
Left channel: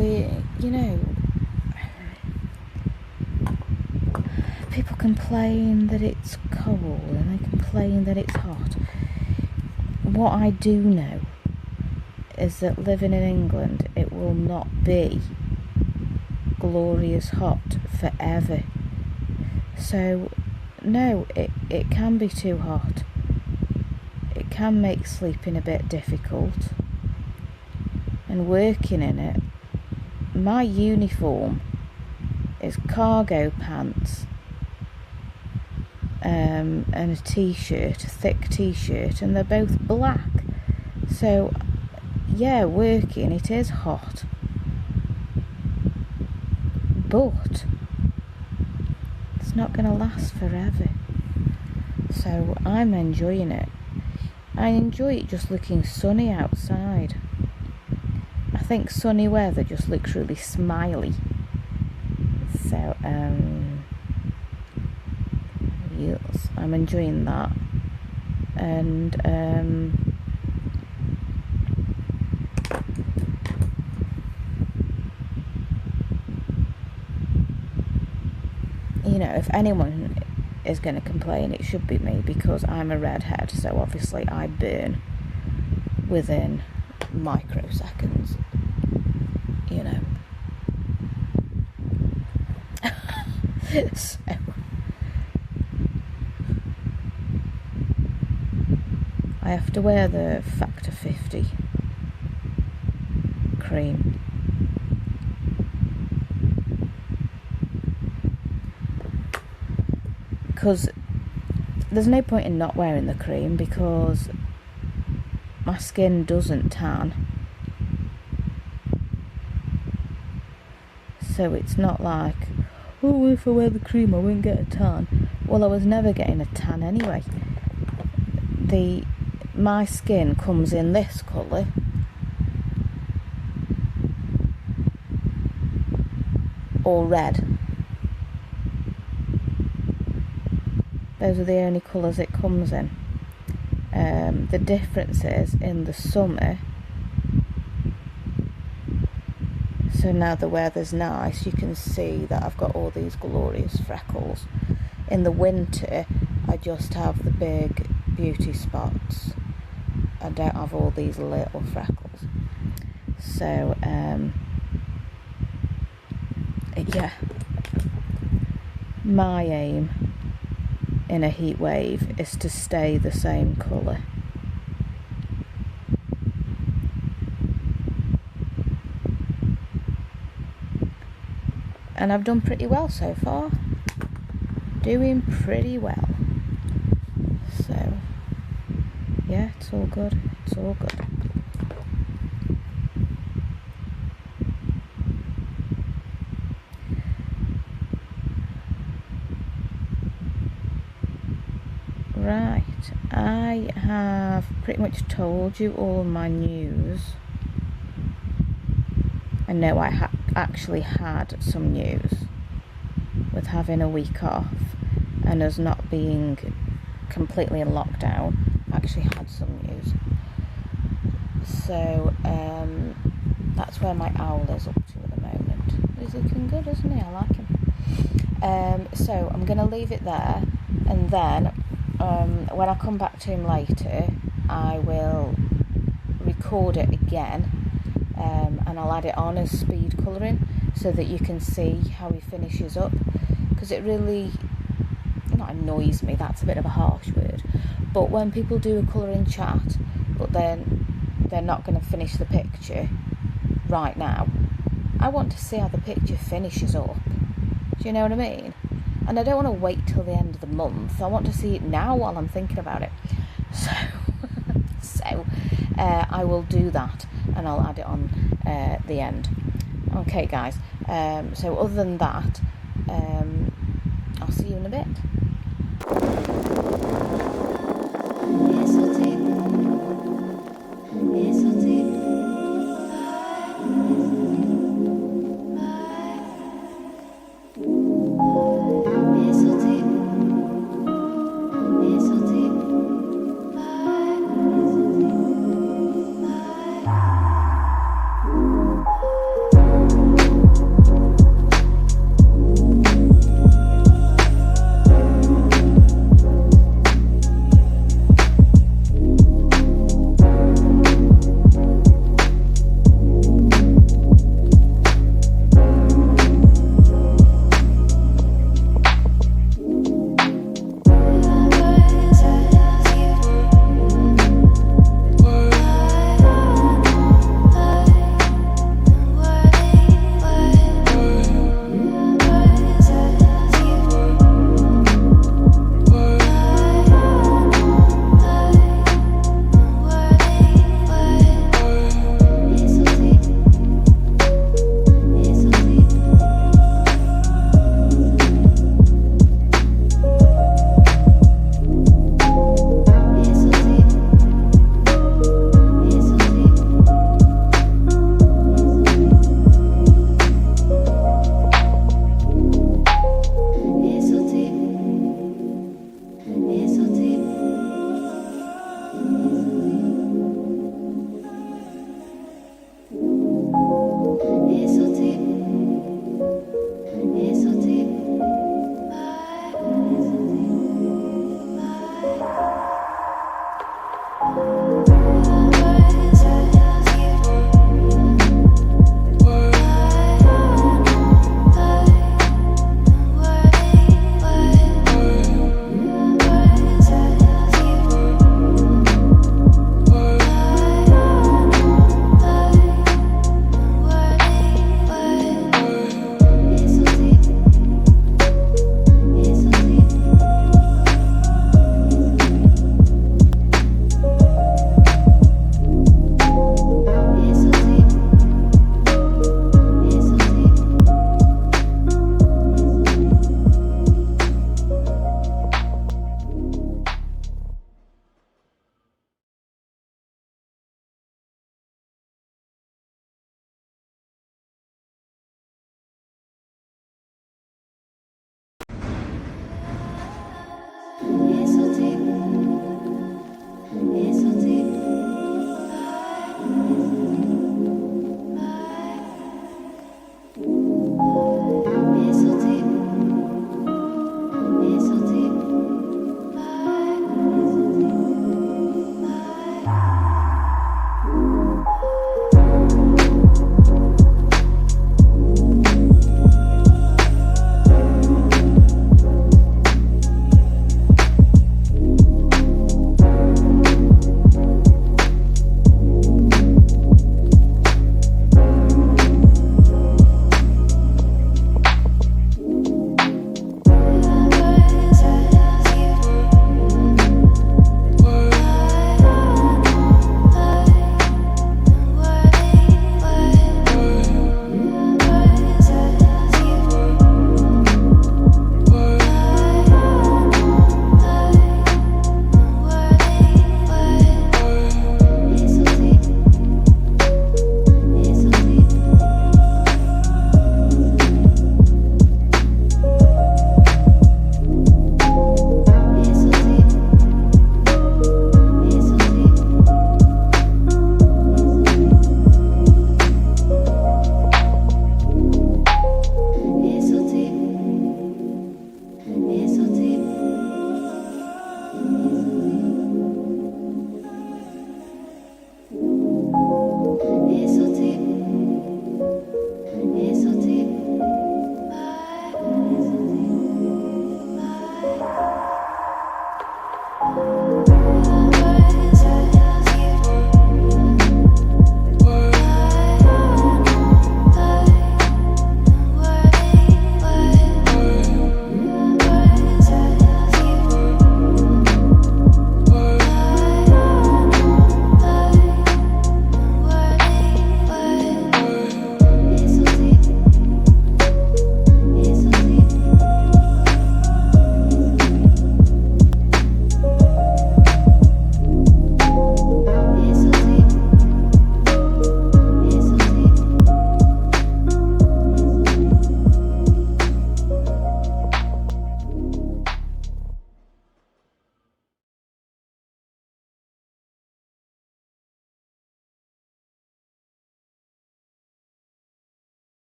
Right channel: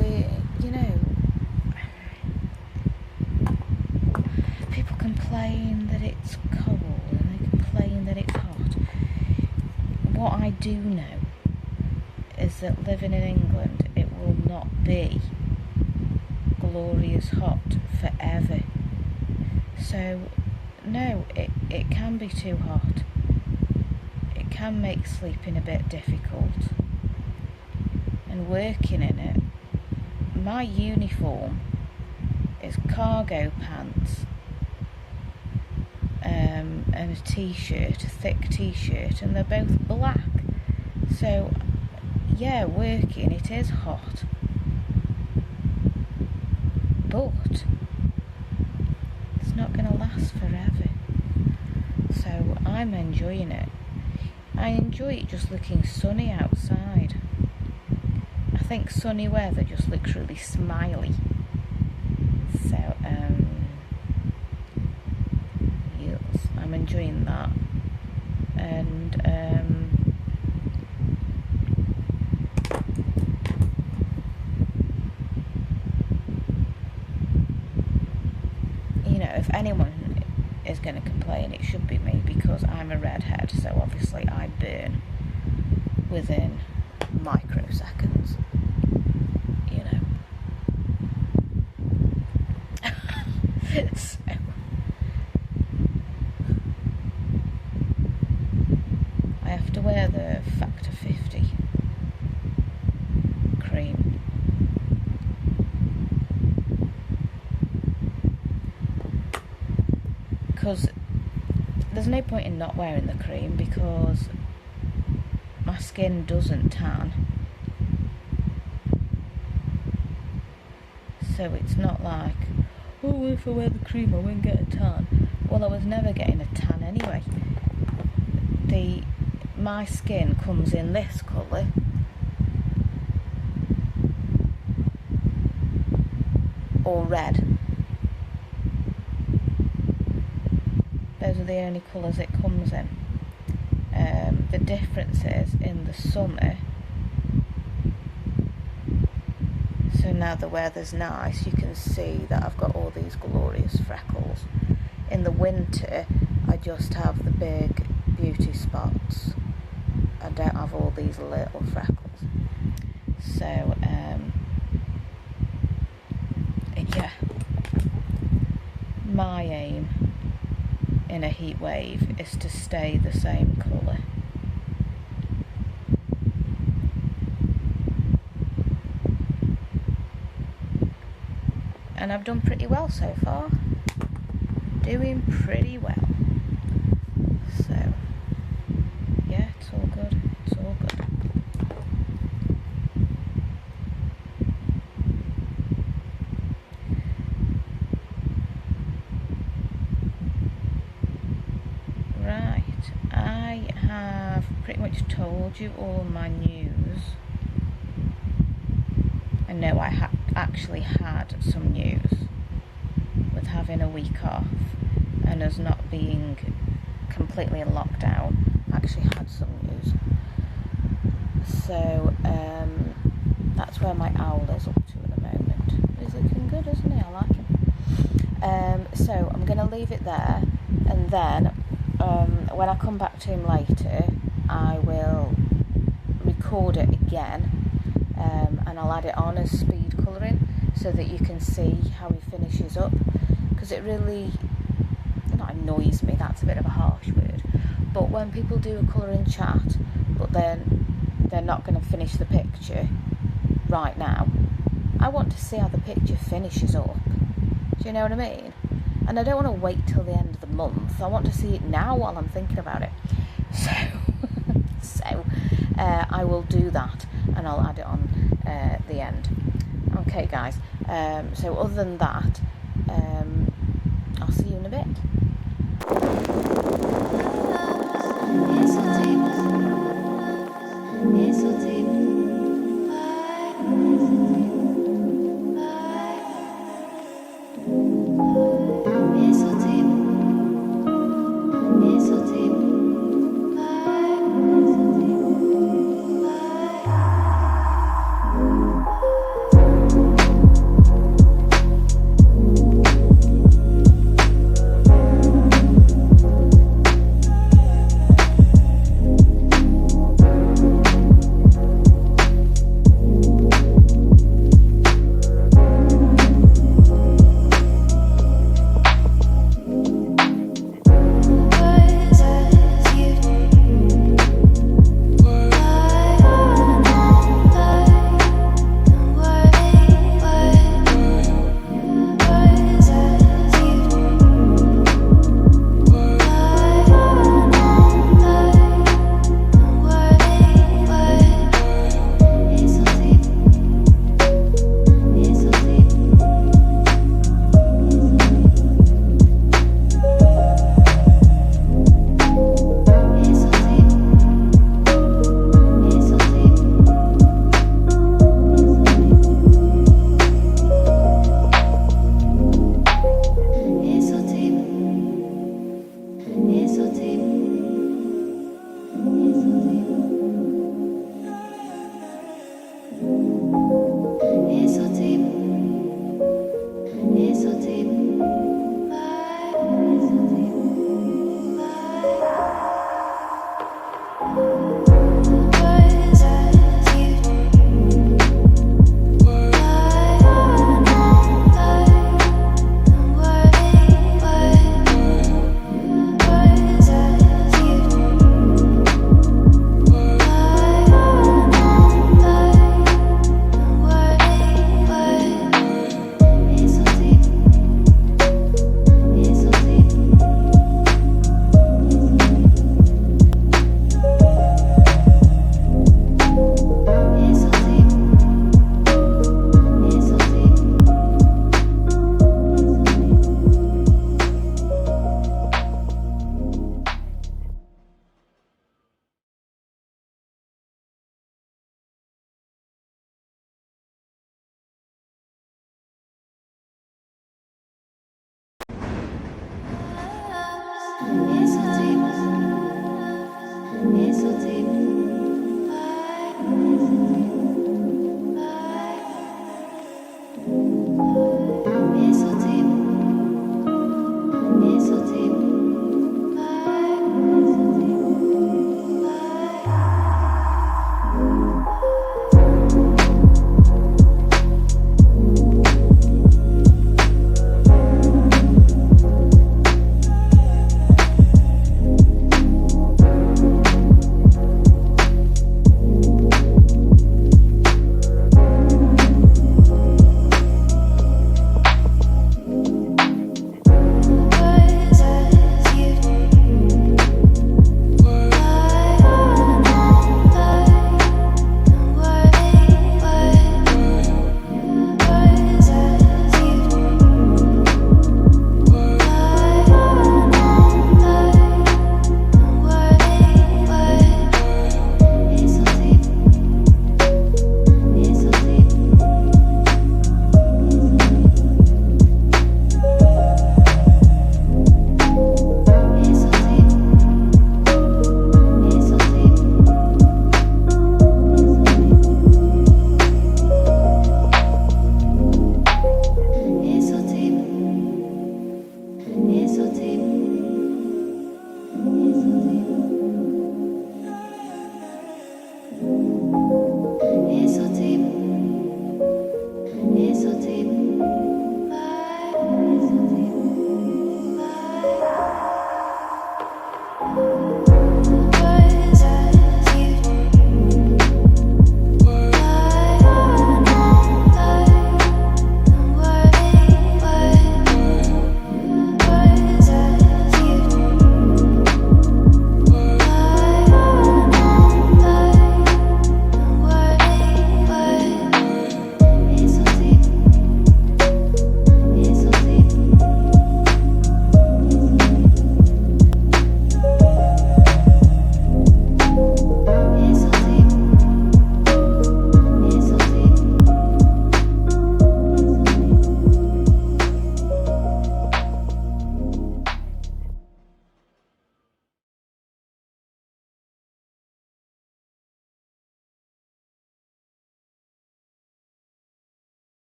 people complain that it's cold and they complain that it's hot. What I do know is that living in England, it will not be glorious hot forever. So no, it can be too hot. It can make sleeping a bit difficult, and working in it. My uniform is cargo pants and a t-shirt, a thick t-shirt, and they're both black. So yeah, working, it is hot, but it's not going to last forever. So I'm enjoying it. I enjoy it just looking sunny outside. I think sunny weather just looks really smiley. So yes, I'm enjoying that. And you know, if anyone is going to complain, it should be me, because I'm a redhead, so obviously I burn within microseconds, you know. So I have to wear the Factor 50 cream. Because there's no point in not wearing the cream, because my skin doesn't tan. So it's not like, oh, if I wear the cream I won't get a tan. Well, I was never getting a tan anyway. My skin comes in this colour, or red. Those are the only colours it comes in. The difference is in the summer. So now the weather's nice, you can see that I've got all these glorious freckles. In the winter, I just have the big beauty spots. I don't have all these little freckles. So, yeah. My aim in a heat wave is to stay the same colour. And I've done pretty well so far. Doing pretty well. So, yeah, it's all good. It's all good. Right, I have pretty much told you all my news. I know I actually had some news with having a week off and us not being completely in lockdown. I actually had some news. So that's where my owl is up to at the moment. He's looking good, isn't he? I like him. So I'm going to leave it there, and then when I come back to him later, I will record it again, and I'll add it on as speed colouring so that you can see how he finishes up, because it really, not annoys me, that's a bit of a harsh word, but when people do a colouring chat but then they're not going to finish the picture right now, I want to see how the picture finishes up. Do you know what I mean? And I don't want to wait till the end of the month. I want to see it now while I'm thinking about it. So I will do that, and I'll add it on the end. Okay, guys. So other than that, I'll see you in a bit.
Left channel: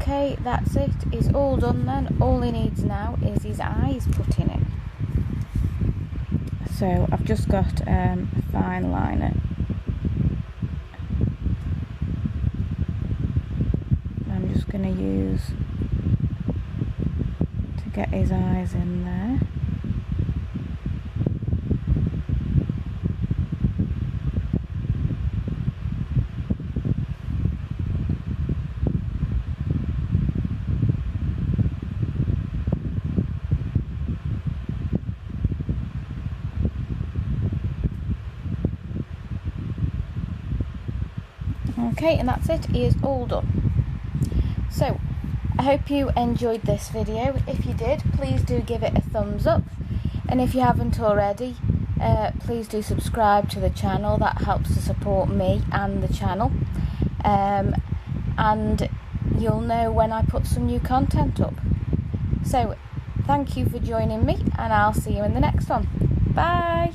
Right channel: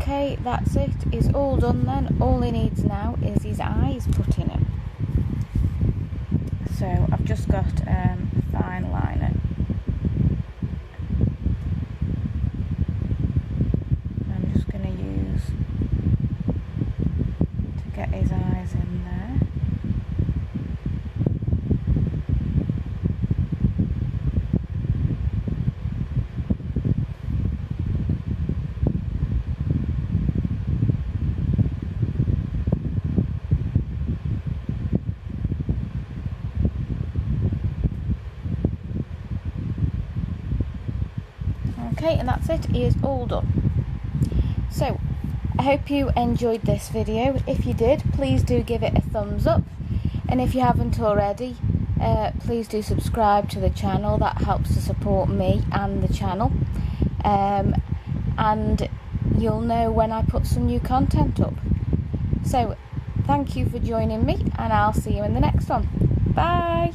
Okay, that's it. It's all done then. All he needs now is his eyes putting in. So I've just got a fine liner. I'm just going to use to get his eyes in there. Okay, and that's it. It is all done. So, I hope you enjoyed this video. If you did, please do give it a thumbs up. And if you haven't already, please do subscribe to the channel. That helps to support me and the channel. And you'll know when I put some new content up. So, thank you for joining me, and I'll see you in the next one. Bye!